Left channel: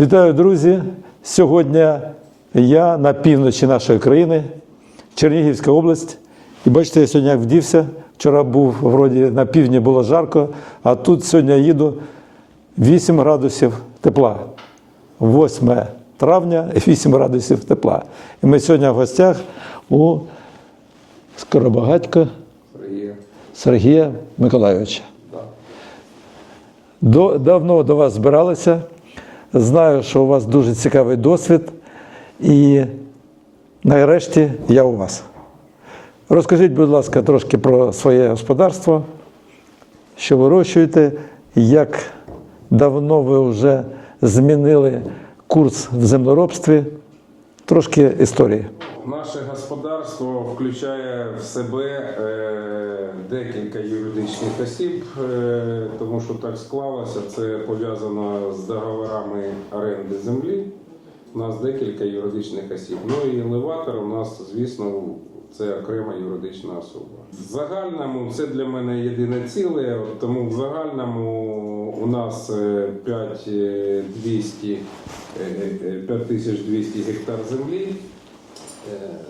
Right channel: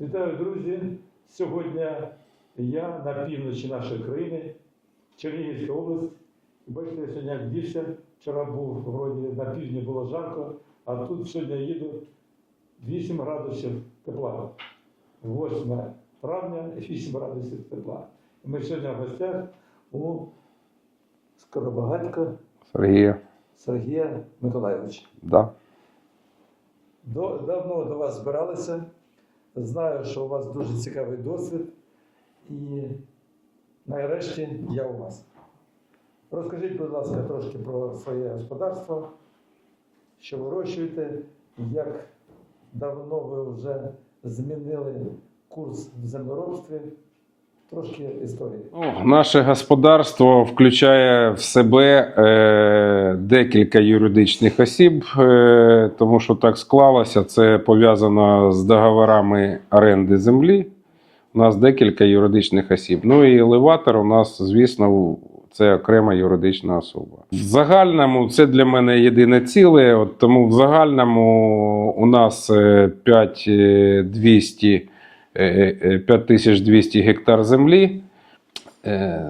Вітаю, друзі! Сьогодні я на півночі нашої країни, Чернігівська область. І бачите, я сьогодні як вдівся. Вчора був вроді на півдні було жарко, а тут сьогодні їду 8 градусів тепла. 8 травня 8 градусів тепла. І ми сьогодні в гостях у Скоробагатька Сергія, Сергія Миколайовича. да. До, давно до вас збиралися. Знаю, що у вас дуже цікавий досвід. І нарешті я у вас. Розкажіть, будь ласка, трошки про своє господарство, що вирощуєте, як давно ви вже змінили курс в землеробстві. Трошки історії. Наше господарство включає в себе е, декілька юридичних осіб, е, тому що так склалося. Це пов'язано з договорами оренди землі. У нас декілька юридичних осіб. Ну і елеватор у нас, звісно, це окрема юридична особа. В загальному це для мене єдине ціле. От тому в загальному у нас е, 5200 е, е, 5200 гектар землі. Е,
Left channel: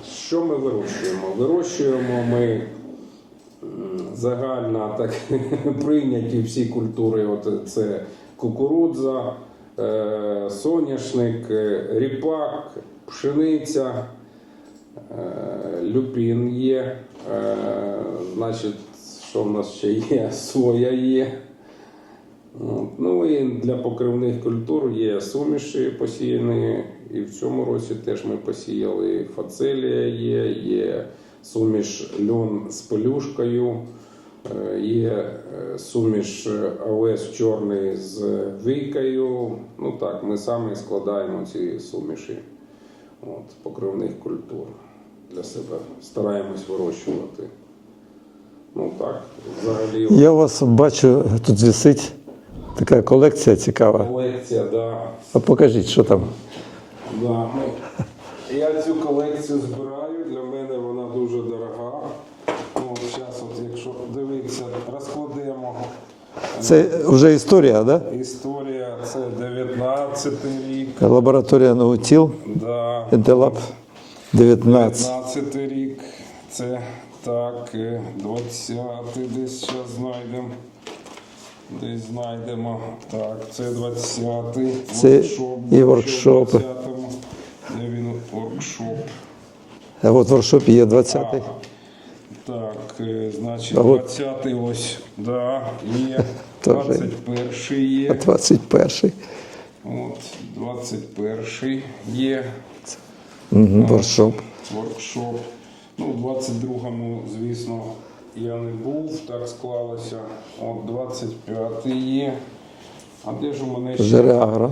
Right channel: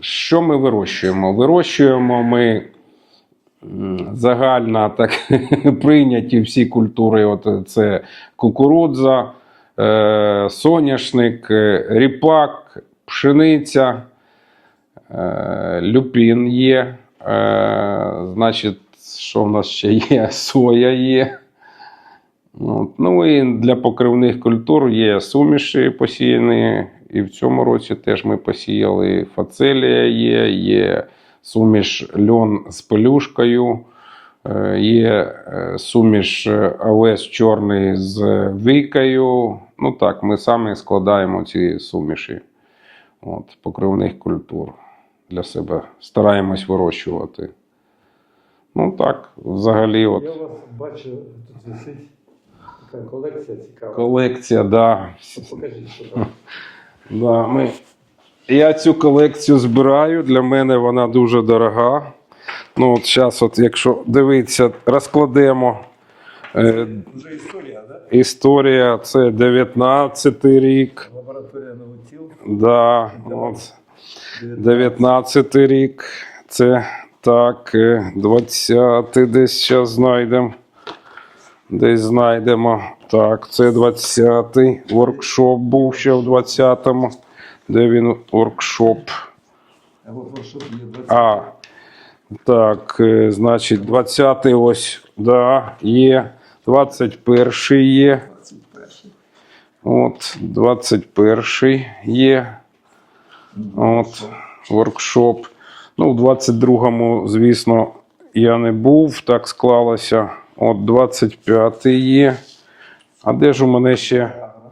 Що ми вирощуємо? Вирощуємо ми загально так прийняті всі культури. От це кукурудза, е, соняшник, е, ріпак, пшениця, е, люпін є. Е, Значить, що в нас ще є? Соя є. Ну і для покривних культур є суміші посіяні. І в цьому році теж ми посіяли фацелія є, є суміш льон з пелюшкою, е, є е, суміш е, овес чорний з вікою. Ну так, ми самі складаємо ці суміші от, покривних культур для себе. Стараємось вирощувати. Ну так, взагалі. Я вас бачу, тут висить така колекція цікава. Колекція, да. А покажіть, що там. Да, ми... Я цю колекцію збираю. Для мене вона дуже дорога. Ну, от зараз, от, якщо дивитися, розкладемо. Е, Це вже історія, так? Да? Історія це 19 рік. Лабораторія Наутіл, Да, 19. 19 рік. Це так, е, 20 десь зараз знайдемо. Десь знайдемо. Так, це 20-й воркшоп був ще в 20-му. Де він воркшоп? А от в воркшопі є 20. А, так, е, значить, 20-й ось, да, є. 21-й є. 21. От, 21-й є. Угу, От, воркшоп. воркшоп. Ну, в 22-му, звісно, я не був, так склалося. От 25-й є. А де ж у мене ще Реагро.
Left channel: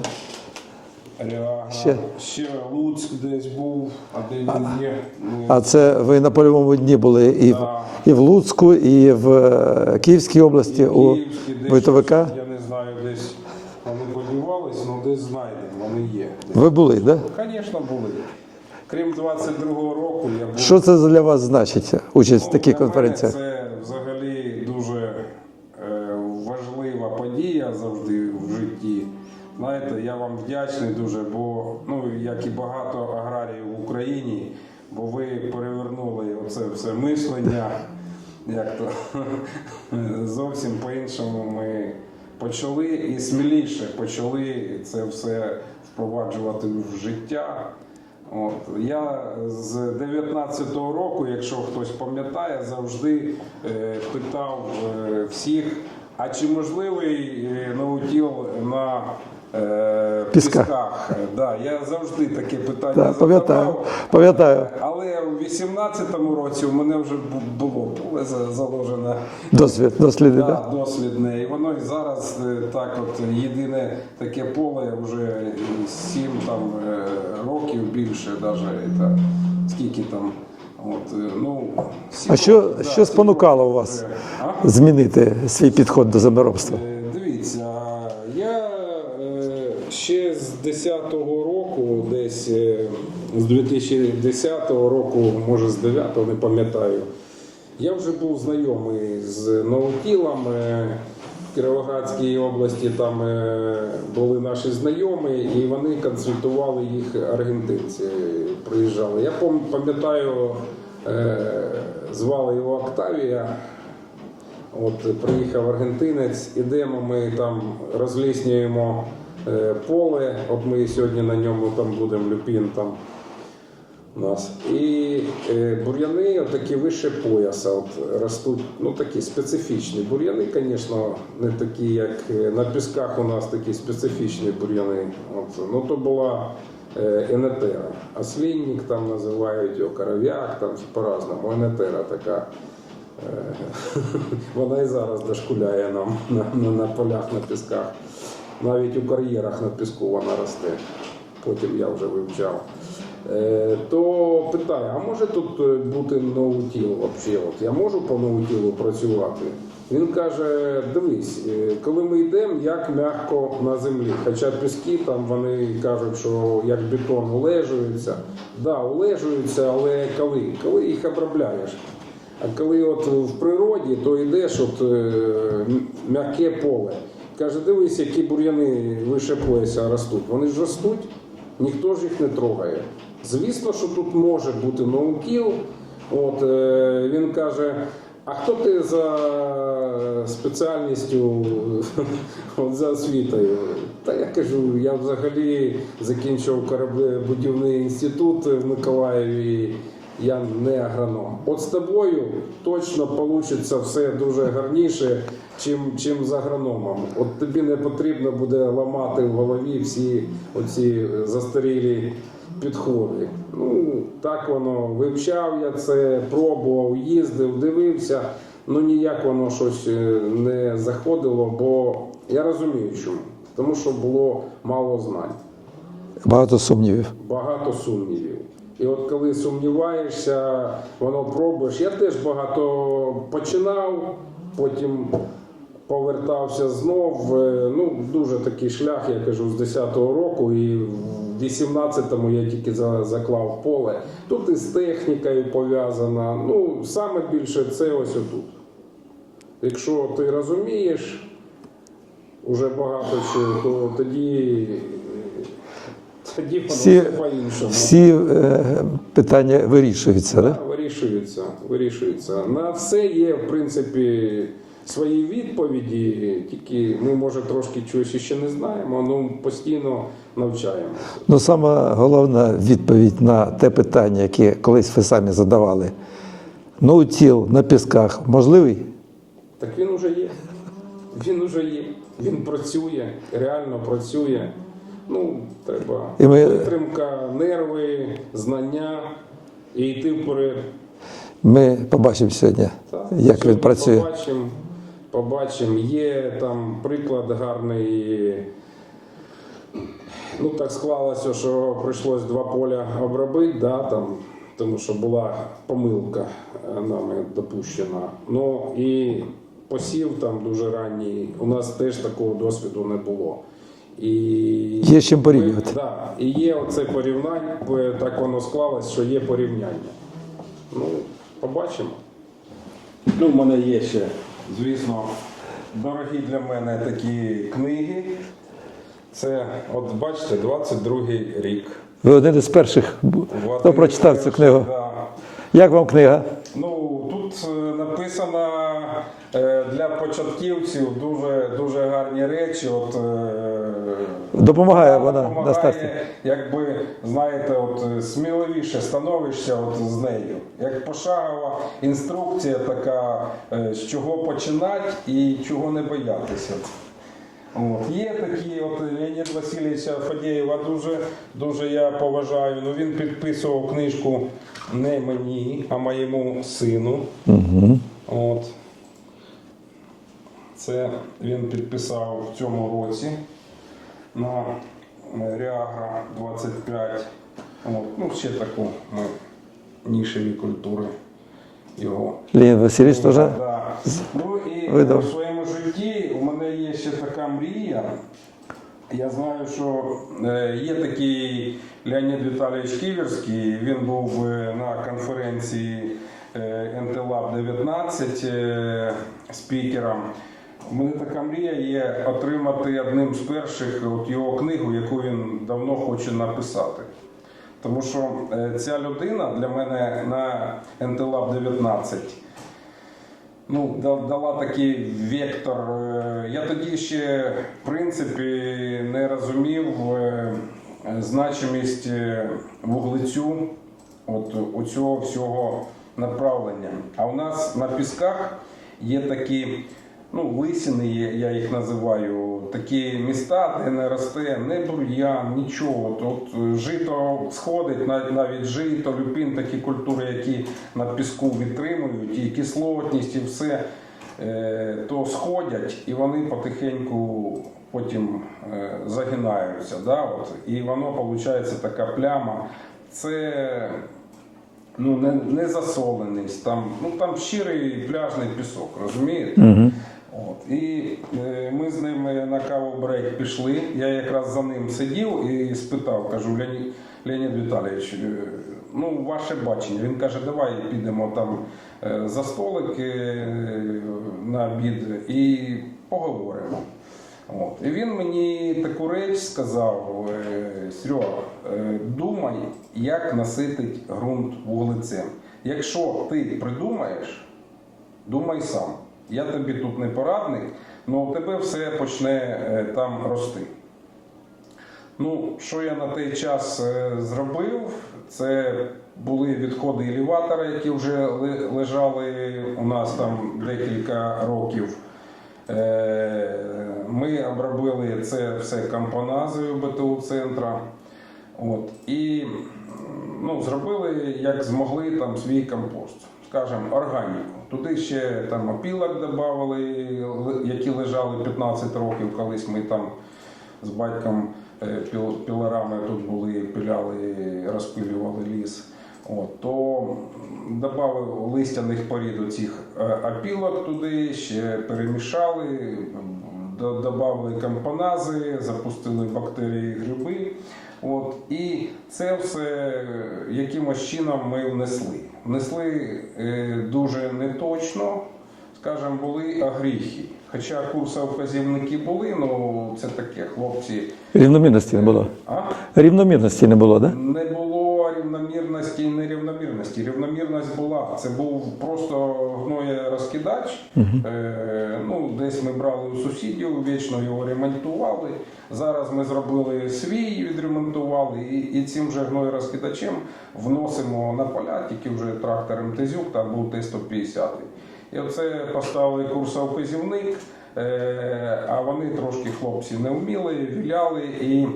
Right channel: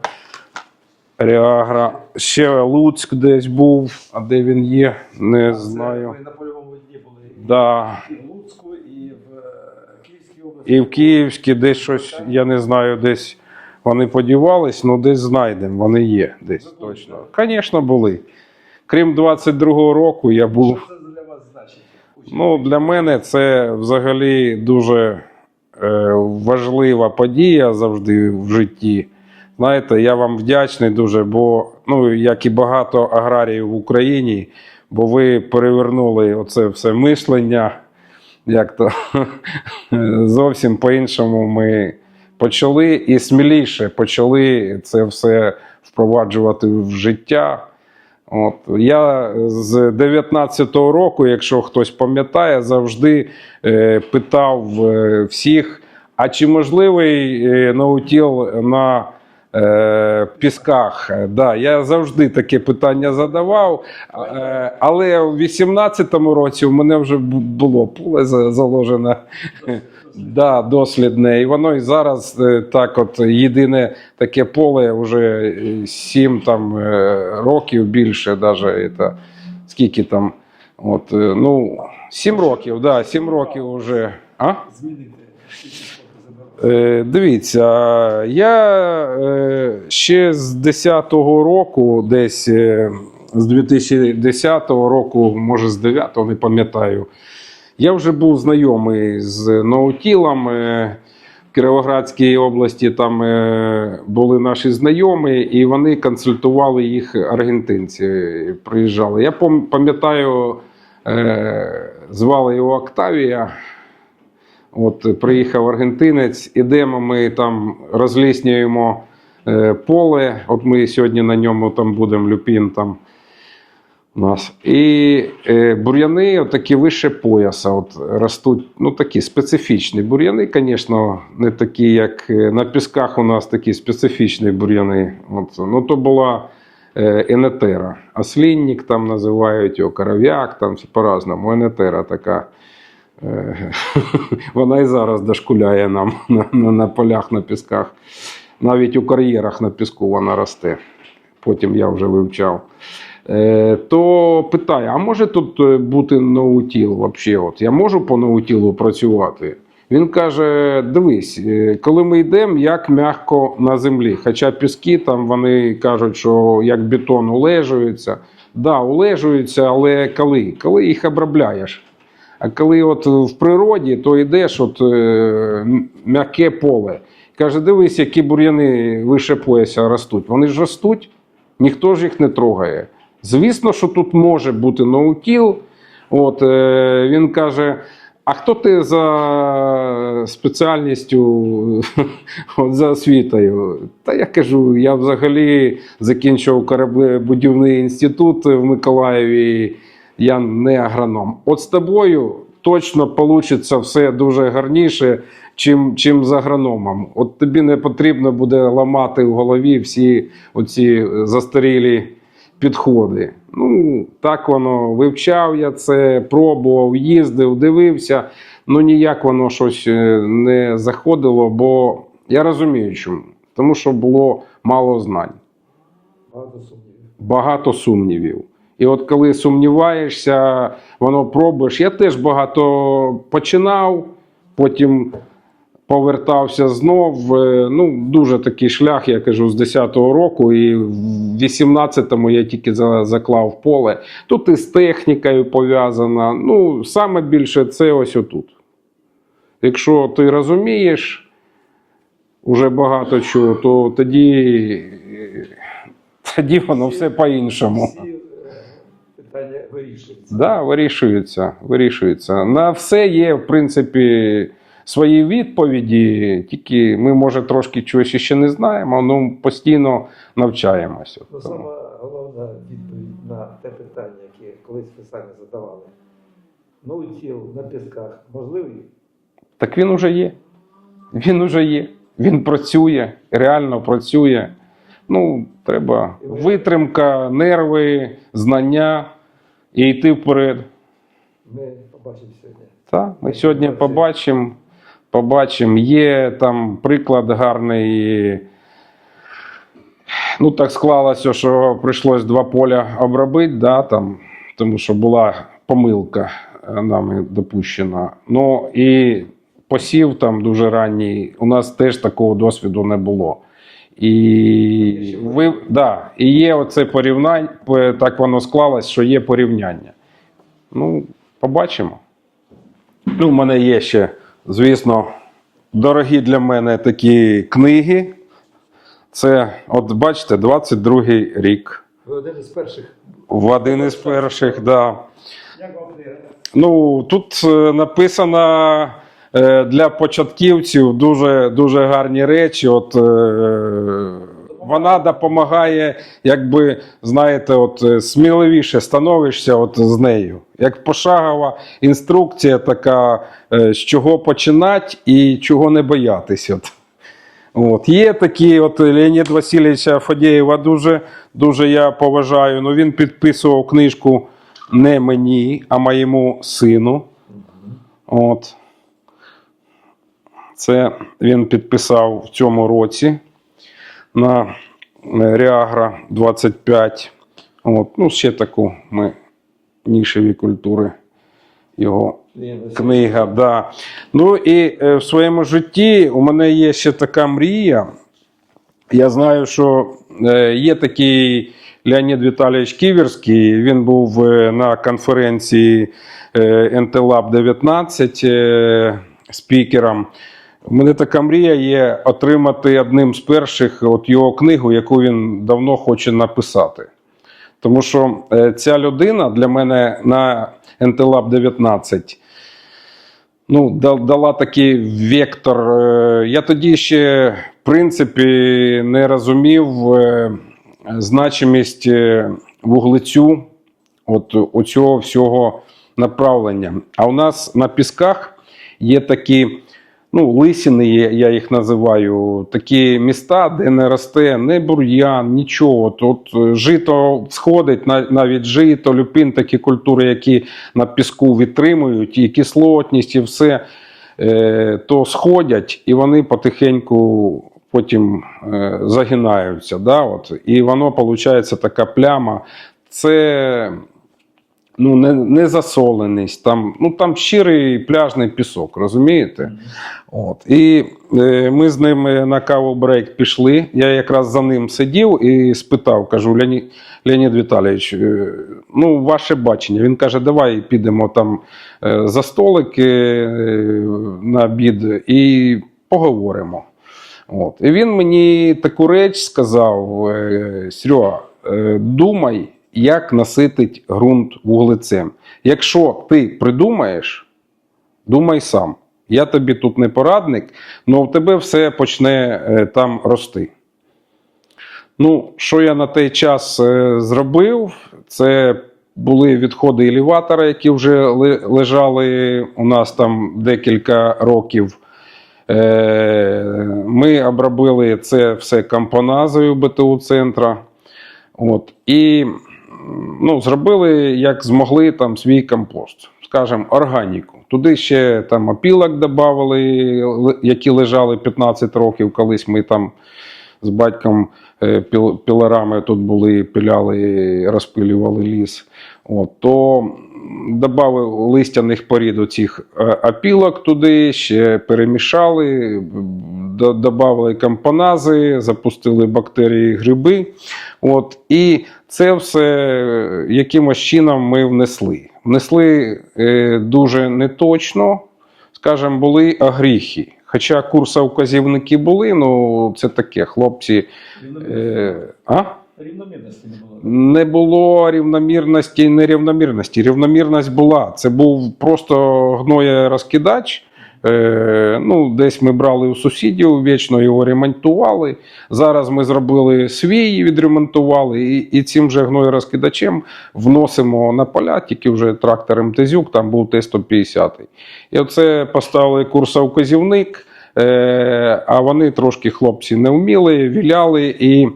Реагра? Ще. Луцьк десь був, а де він є? Не А це знаю. ви на польовому дні були і, Да. і в Луцьку, і в е, Київській області. І в Київській, у десь щось, я не знаю, десь вони подівались, але десь знайдемо, вони є. Десь. Ви були, так? Да? Звісно, були. Крім 22-го року, я був. Що це для вас значить? Участь в Ну, такій для мене конференції? це взагалі дуже важлива подія завжди в житті. Знаєте, я вам вдячний дуже, бо ну, як і багато аграріїв в Україні, бо ви перевернули оце все мислення. Як то зовсім по-іншому ми почали і сміліше почали це все впроваджувати в життя. От. Я з 19-го року, якщо хтось пам'ятає, завжди е, питав е, всіх: а чи можливий е, наутіл на Пісках. пісках? Е, Да, я завжди таке питання Да, задавав. пам'ятаю. Е, але в 18-му році у мене вже було поле за- заложене. Досвід, досліди. Да, дослідне. І воно і зараз е, так, от єдине таке поле вже 7 там, е, років більше, даже, це, скільки там. От, е, ну, 7 А що- років, да, що спонукало років вас? вже. А? Змінити свій підход до землеробства. Е, дивіться, я е, ще з 10-го року, десь е, з 2010 року, може з 9-го, не пам'ятаю, я вже був знайомий з наутілом. Е, Кіровоградській області там е, були наші знайомі, і вони консультували їх аргентинці. Приїжджали. Я пам'ятаю, е, звали його Октавія. От приїхав аргентинець, ідемо, ми там розліснюємо е, поле. От ми сьогодні на ньому там будемо люпін там у нас. І е, бур'яни такі вище пояса. От, ростуть, ну такі специфічні бур'яни, звісно, не такі, як е, на пісках у нас такі специфічні бур'яни. Ну, то була е, енетера. Ослінник там називають його, коров'як, там по-разному. Енетера така. Е, Вона і зараз дошкуляє нам на, на, на полях, на пісках. Навіть у кар'єрах на піску вона росте. Потім я вже вивчав. Е, То питає: а може тут е, бути ноутіл? Вообще, от я можу по ноутілу працювати? Він каже: дивись, е, коли ми йдемо, як м'яко на землі. Хоча піски там вони кажуть, що як бетон улежуються. Да, улежуються, але коли? Коли їх обробляєш. А коли от в природі, то йдеш от м'яке поле. Каже, дивись, які бур'яни вище пояса ростуть. Вони ж ростуть, ніхто ж їх не трогає. Звісно, що тут може бути ноутіл. От, е, він каже: а хто ти за спеціальністю, от, за освітою? Та я кажу, я взагалі закінчив кораблебудівний інститут в Миколаєві. Я не агроном. От з тобою точно вийде все дуже гарніше, чим, чим з агрономом. От тобі не потрібно буде ламати в голові всі оці застарілі підходи. Ну, так воно вивчав я це, пробував, їздив, дивився. Ну ніяк воно щось е, не заходило, бо я розумію, чому. Тому що було мало знань Багато сумнівів. багато сумнівів. І от коли сумніваєшся, воно пробуєш. Я теж багато починав, потім повертався знов. Е, Ну, дуже такий шлях, я кажу, з 10-го року, і 18-му я тільки заклав поле. Тут і з технікою пов'язано. Ну, саме більше це ось отут. Якщо ти розумієш уже багато чого, то тоді, тоді воно Всі- все по-іншому. Всі е, питання вирішуються. Да, да? вирішується, вирішується. На все є, в принципі, свої відповіді, тільки ми, може, трошки чогось ще не знаємо, але постійно навчаємося. Ну, сама головна відповідь на те питання, яке колись ви самі задавали. Ноутіл на пісках можливий? Так він уже є. Він уже є. Він працює, реально працює. Ну, треба ми- витримка, нерви, знання і йти вперед. Ми побачимо сьогодні. Так, як він сьогодні працює. побачимо. Побачимо. Є там приклад гарний. Ну, так склалося, що прийшлось два поля обробити, да, там, тому що була помилка е, нами допущена. Ну і посів там дуже ранній. У нас теж такого досвіду не було. І Є чим. Ми, да, і є оце порівняння, е, так воно склалось, що є порівняння. Ну, побачимо. Ну, у мене є ще, звісно, дорогі для мене такі книги. Це, от бачите, 22-й рік. Ви один із перших. В один із перших, так. да. Як вам книга? Ну, тут написана написано е, для початківців дуже, дуже гарні речі. От, е, Допомагає вона вона, допомагає, якби, знаєте, от, е, сміливіше становишся от, з нею. Як пошагова інструкція така, е, з чого починати і чого не боятися. От. Є такі, от Леонід Васильовича Фадєєва дуже, дуже я поважаю. Ну, він підписував книжку не мені, а моєму сину. Угу. От. Це він підписав в цьому році на Реагра 25. От. Ну, ще таку ми нішеві культури його книга. Да. Ну і е, Видав. в своєму житті у мене є ще така мрія. Я знаю, що е, є такий Леонід Віталійович Ківерський. Він був е, на конференції е, НТЛАБ 19 е, спікером. У мене така мрія є отримати одним з перших от його книгу, яку він давно хоче написати. Тому що е, ця людина для мене на NTLab 19 ну, дала такий вектор. Е, Я тоді ще, в принципі, не розумів е, значимість вуглецю от оцього всього направлення. А у нас на пісках є такі. Ну, лисини, є- я їх називаю, такі міста, де не росте ні бур'ян, нічого. Тут е, жито сходить, навіть жито, люпин, такі культури, які на піску відтримують, і кислотність, і все, е, то сходять, і вони потихеньку потім е, загинаються. Да? От. І воно виходить така пляма. Це ну, не, не засоленість, там, ну, там щирий пляжний пісок, розумієте? От. І е, ми з ним на каву брейк пішли. Я якраз за ним сидів і спитав, кажу, Леонід, Леонід Віталійович, е, ну, ваше бачення. Він каже, давай підемо там е, за столик е, на обід і поговоримо. От. І він мені таку реч сказав: е, Серега, е, думай, як наситить ґрунт вуглецем. Якщо ти придумаєш, думай сам. Я тобі тут не порадник, але в тебе все почне е, там рости. Ну, що я на той час е, зробив, це були відходи елеватора, які вже лежали у нас там декілька років. Е, Ми обробили це все компоназою БТУ центра. От, і ну, зробили, як змогли, там свій компост, скажімо, органіку. Туди ще там опілок додали, які лежали 15 років, колись ми там з батьком е, пілорами тут були, пиляли, розпилювали ліс. От, то додав листяних порід цих опілок туди, ще перемішали, до- додали компонази, запустили бактерії, гриби. От, і це все е, якимось чином ми внесли. Внесли е, дуже неточно, скажімо, були огріхи. Хоча курса вказівники були, ну це таке, хлопці. Рівномірності не е, було. А? Рівномірності не було. Да? Не було рівномірності і нерівномірності. Рівномірність була. Це був просто гноєрозкидач. Е, ну, десь ми брали у сусідів, вічно його ремонтували. Зараз ми зробили свій, відремонтували, і, і цим же гноєрозкидачем вносимо на поля, тільки вже трактор МТЗюк, там був Т-150. І оце поставили курсовказівник, вказівник, а вони трошки хлопці не вміли, віляли. І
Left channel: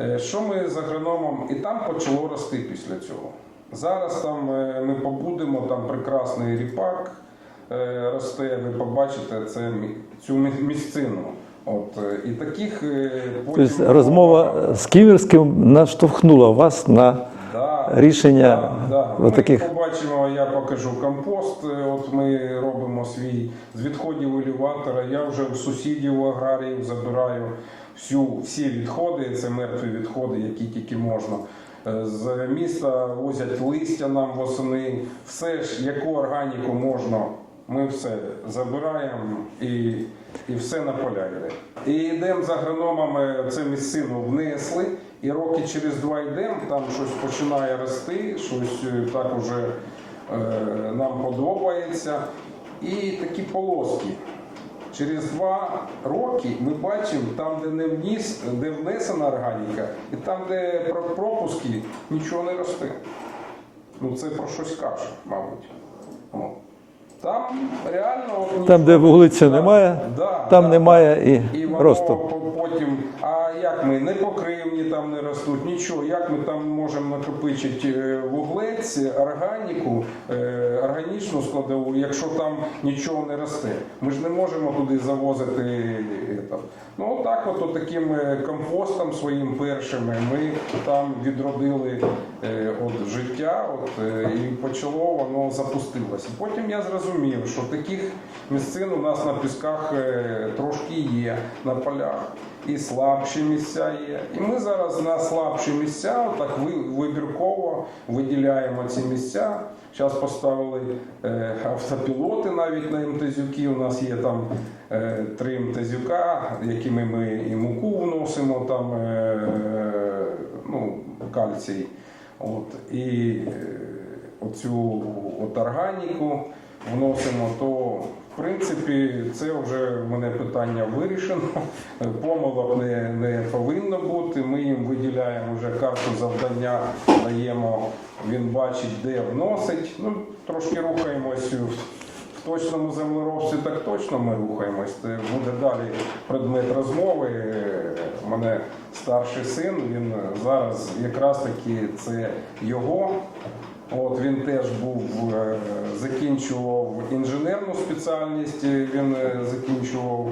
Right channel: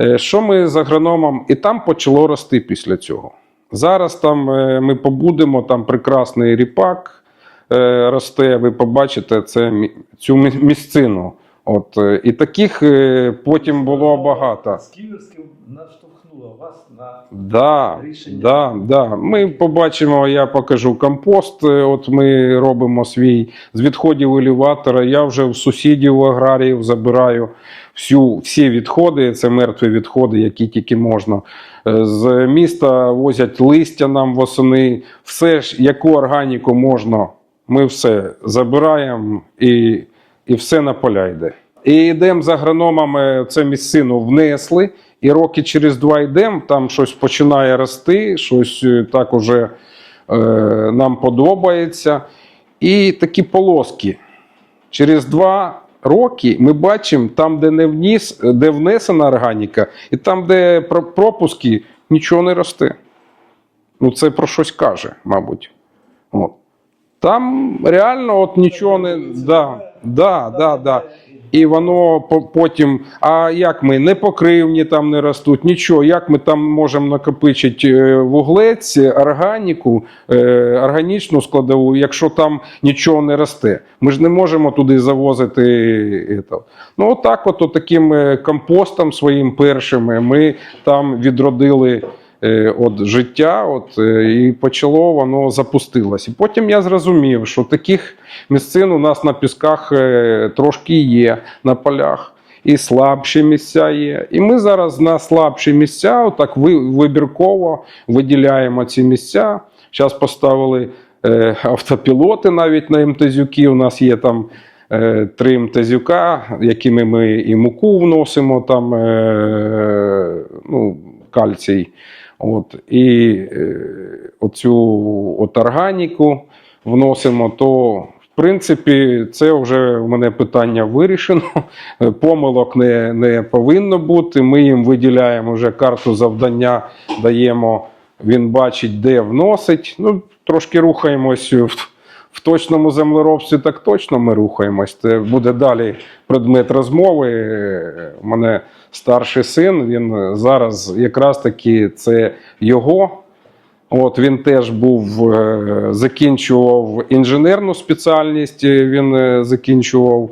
Е, Що ми з агрономом, і там почало рости після цього. Зараз там е, ми побудемо, там прекрасний ріпак е, росте. Ви побачите це цю місцину. От е, і таких е, потім Тобто було розмова багато. з Ківерським наштовхнула вас на Да, рішення Да, да. Ми таких- побачимо, я покажу компост. Е, От ми робимо свій з відходів елеватора. Я вже в сусідів в аграріїв забираю всю, всі відходи. Це мертві відходи, які тільки можна. З міста возять листя нам восени. Все ж, яку органіку можна, ми все забираємо і, і все на поля йде. І йдемо з агрономами, це місцину внесли. І роки через два йдемо, там щось починає рости, щось е, так уже е, нам подобається. І такі полоски. Через два роки ми бачимо там, де не вніс, де внесена органіка, і там, де пропуски, нічого не росте. Ну, це про щось каже, мабуть. От. Там реально от нічого де не вулиці да, немає, да, там да, немає да. і і воно просто. по- потім. А як ми не покривні там не ростуть, нічого. Як ми там можемо накопичити е, вуглець, органіку, е, органічну складову, якщо там нічого не росте? Ми ж не можемо туди завозити. е. Ну, отак, от, таким е, компостом своїм першим е, ми там відродили. Е, От життя, от е, і почало воно запустилось. І потім я зрозумів, що таких місцин у нас на пісках е, трошки є на полях, і слабші місця є. І ми зараз на слабші місця, отак вибірково виділяємо ці місця. Зараз поставили е, автопілоти навіть на МТЗюки. У нас є там е, три МТЗюка, якими ми і муку вносимо, там, е, ну, кальцій. От, і е, оцю от органіку вносимо, то в принципі це вже в мене питання вирішено. Помилок не, не повинно бути. Ми їм виділяємо вже карту завдання, даємо, він бачить, де вносить. Ну, трошки рухаємось в, в точному землеробстві, так точно ми рухаємось. Це буде далі предмет розмови. У мене старший син, він зараз якраз таки це його. От він теж був, е, закінчував інженерну спеціальність, е, він е, закінчував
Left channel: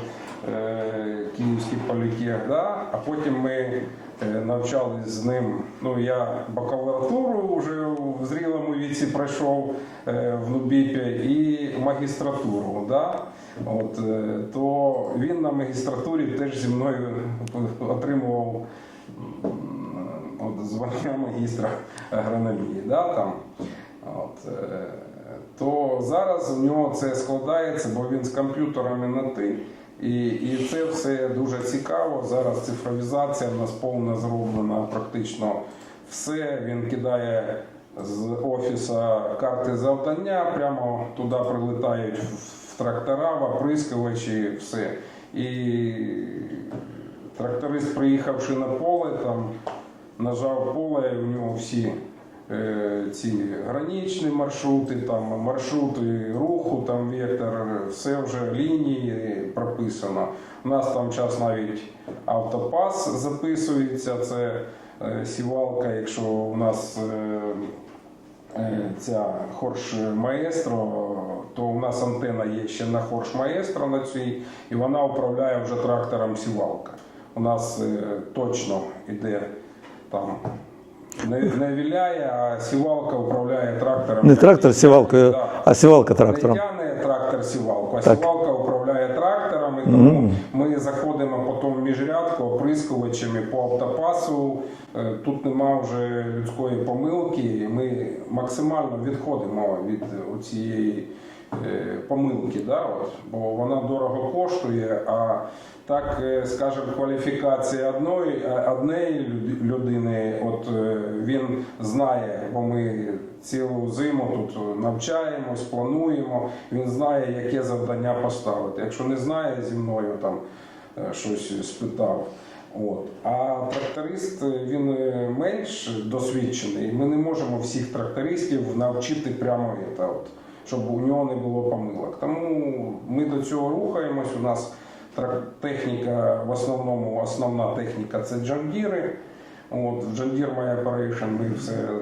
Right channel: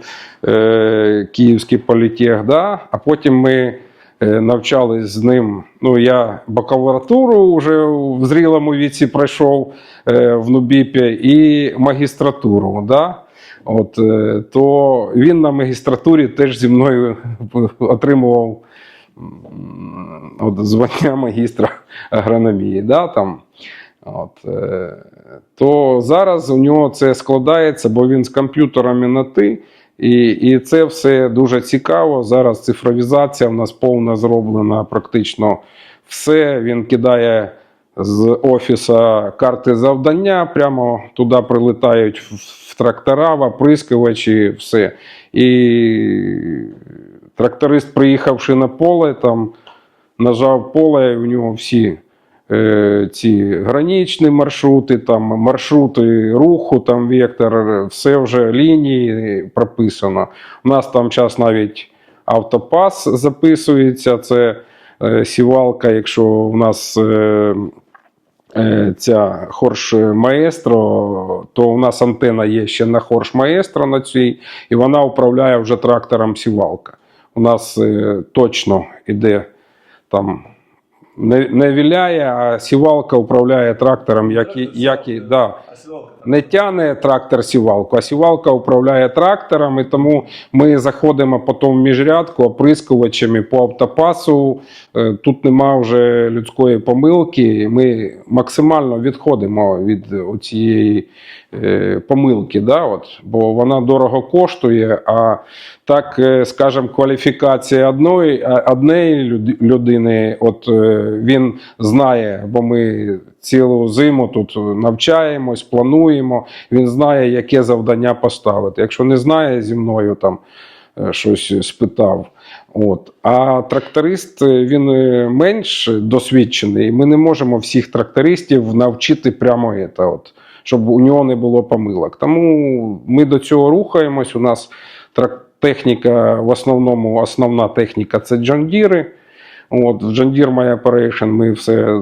е, Київський політех, да? а потім ми е, навчались з ним. Ну, я бакалавратуру вже в зрілому віці пройшов е, в Нубіпі і магістратуру. Да? От, е, то він на магістратурі теж зі мною отримував от, звання магістра агрономії. Да, там, от, е, то зараз у нього це складається, бо він з комп'ютерами на ти. І, і це все дуже цікаво. Зараз цифровізація в нас повна зроблена, практично все. Він кидає з офіса карти завдання, прямо туди прилетають трактора, в оприскувачі, все. І тракторист, приїхавши на поле, там нажав поле, і в нього всі е, ці граничні маршрути, там маршрути руху, там вектор, все вже лінії прописано. У нас там час навіть автопас записується. Це е, сівалка, якщо у нас. Е, Ця хорш маестро, то у нас антена є ще на хорш маестро на цій, і вона управляє вже трактором сівалка. У нас е, точно іде там не, не віляє, а сівалка управляє трактором. Не який- трактор сівалкою, який- да. а сівалка Не трактором. тягне трактор сівалку, а сівалка управляє трактором, і тому ми заходимо потім в міжрядку оприскувачами по автопасу. Е, Тут нема вже людської помилки. Ми максимально відходимо від цієї помилки, да, от, бо вона дорого коштує. А так, е, скажімо, кваліфікація одної, однієї людини, от е, він знає, бо ми цілу зиму тут навчаємось, плануємо. Він знає, яке завдання поставити. Якщо не знає зі мною там е, щось спитав. От. А тракторист е, він е, менш досвідчений, і ми не можемо всіх трактористів навчити прямо це, от, щоб у нього не було помилок. Тому ми до цього рухаємось. У нас техніка, в основному основна техніка це джондіри. От, в Deere My Operation ми все е,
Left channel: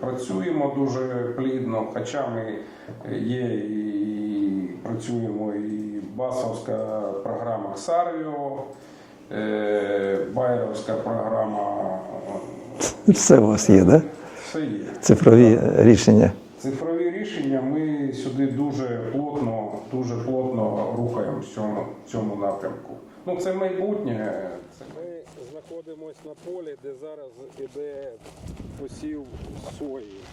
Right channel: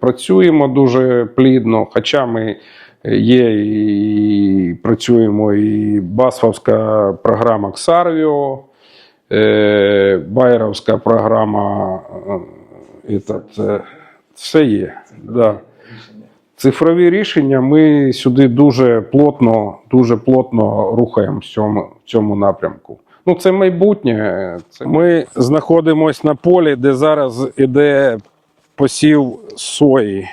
працюємо дуже плідно, хоча ми є і працюємо і басфовська програма Xarvio, е, Байеровська програма. Все у вас є, да? Все є. Цифрові Да. рішення. Цифрові рішення ми сюди дуже плотно, дуже плотно рухаємо в цьому, в цьому напрямку. Ну, це майбутнє. Ми знаходимося на полі, де зараз іде посів сої.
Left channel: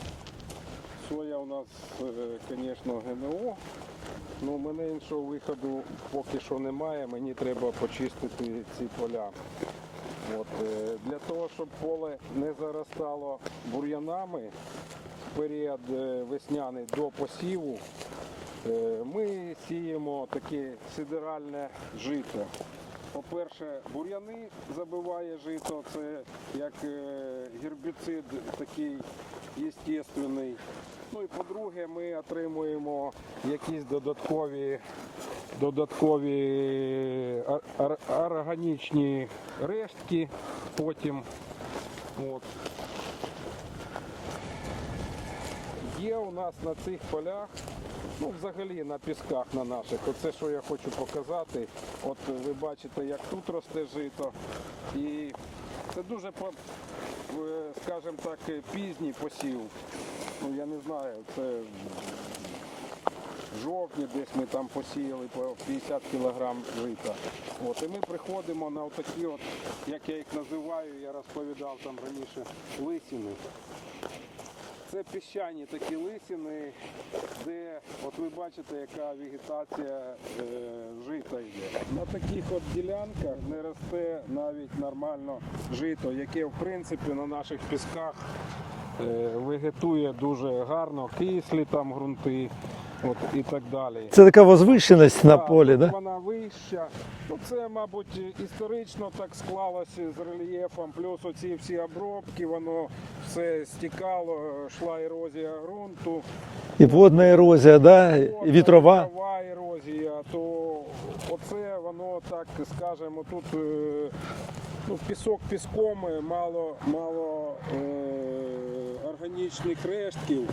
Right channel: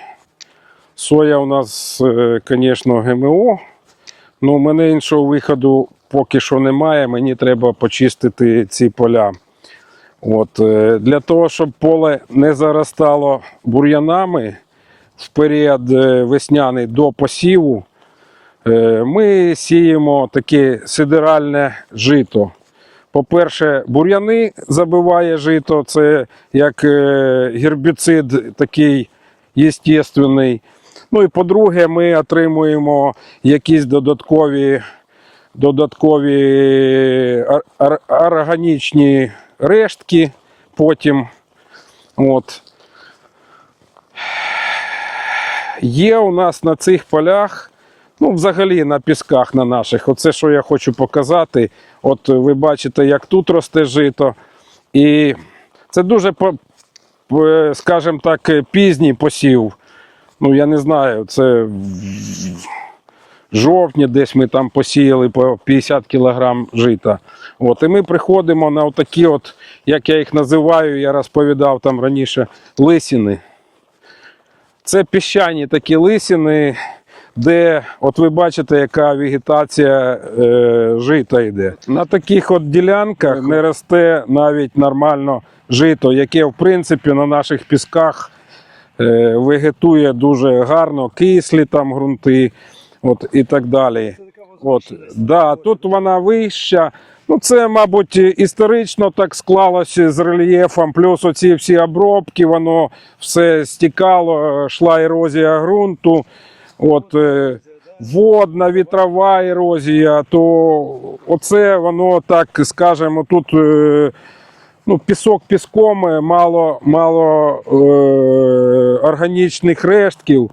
Соя у нас, звісно, ГМО. Ну, у мене іншого виходу поки що немає. Мені треба почистити ці поля. От, е, для того, щоб поле не заростало бур'янами в період е, весняний до посіву, е, ми сіємо таке сидеральне жито. По-перше, бур'яни забиває жито, це як е, гербіцид такий єстественний. Ну і по-друге, ми отримуємо якісь додаткові, додаткові ор- ор- органічні рештки потім. От. Є у нас на цих полях, ну, взагалі на пісках на наших, оце що я хочу показати. От ви бачите, як тут росте жито. І це дуже, по- скажімо так, пізній посів. Ну, я не знаю, це жовтні десь ми там посіяли по 50 кг жита. От, і ми приходимо на такі, як я їх називаю, я розповідав там раніше, лисіни. Це піщані такі лисини. де от ви бачите, яка вегетація е, жита йде. На таких от ділянках не росте навіть нормально жито, яке в принципі на наших пісках е, вегетує дуже гарно, кислі там ґрунти от, і так далі. Це така возвищеність на Да, полі. тут да? вона вища. Ну, це, мабуть, історично так склалося з рельєфом, плюс оці всі обробки, воно все стікало, йшла ерозія ґрунту. І водна е, ерозія, да? Водна, вітрова. вітрова ерозія, то оце воно так, скажемо, тут е, ну, пісок піском, е, мало, мало е, органічних рештків.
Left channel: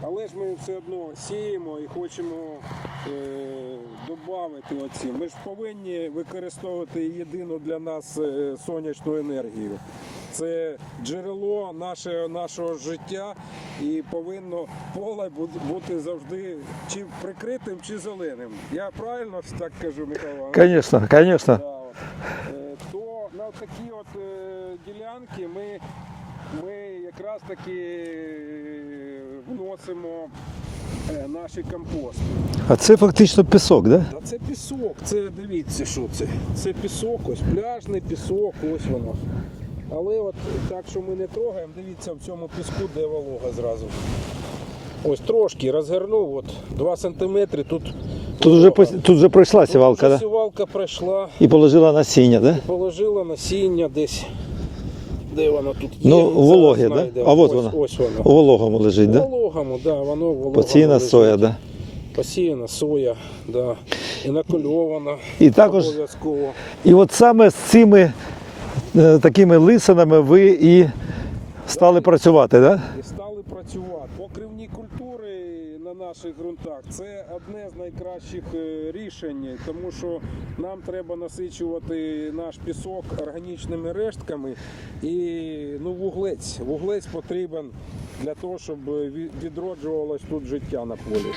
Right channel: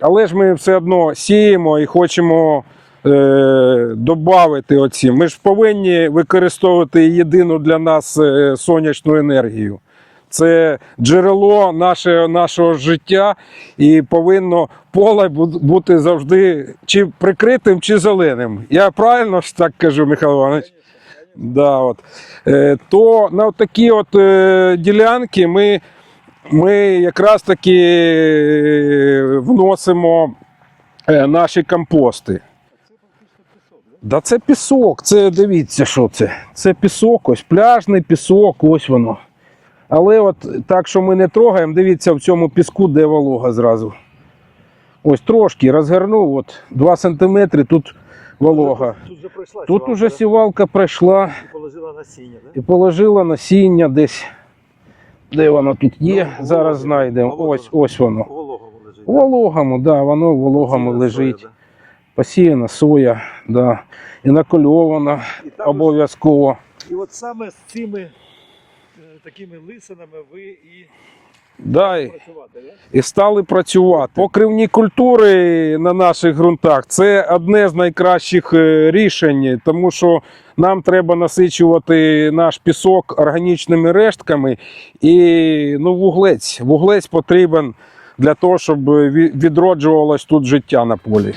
Але ж ми все одно сіємо і хочемо е, додати оці. Ми ж повинні використовувати єдину для нас е, сонячну енергію. Це джерело наше, нашого життя, і повинно поле бути завжди чи прикритим, чи зеленим. Я правильно ж так кажу, Михайло Іванович? Звісно, звісно. Да, от. Е, то на такі от ділянки ми, ми якраз таки вносимо наші компости. А це фактично пісок, да? Да це пісок, це дивіться, що це. Це пісок, ось пляжний пісок, ось воно. Але от так, що ми не трогаємо, дивіться в цьому піску, де волога зразу. Ось трошки розгорнув, от 2 см тут Тут вже, тут вже пройшла Тут сівалка, уже да? сівалка пройшла. і положила насіння, да? Положила насіння десь. Де воно тут є? Ну, Зараз вологе, да? знайдемо. А ось, воно. ось воно. У вологому лежить, да? Вологому, да, воно вологому Посіяна лежить. соя, да? Посіяна соя, да. і накольована І обов'язково. І от саме з цими е, такими лисинами ви і стали Да, працювати, да? І стали працювати. Покривні культури на наших ґрунтах це одне з найкращих е, рішень, тому що нам треба насичувати наш пісок органічними рештками і ну, вуглець. Вуглець потрібен для того, щоб відроджувалось тут життя на полі.